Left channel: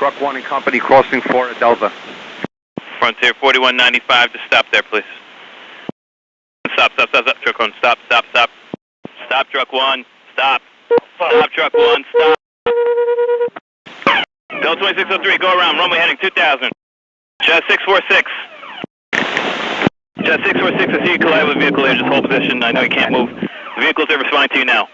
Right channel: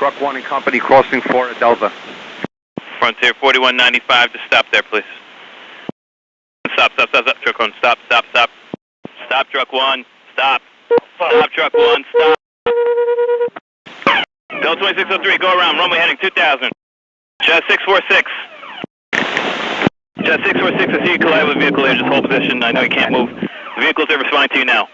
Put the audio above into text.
Truck 1 and Company crossing 4 at Delta. Frontier 4195, just stop there, please. Stop, truck 1, stop. Stop, truck 1, stop. Stop, truck 1, stop. Delta 2603, go around, runway heading 2000. Jet 646. Jet 646, I see you collide with a vehicle here, just hold position. I know you can't move. The vehicles are responding to you now.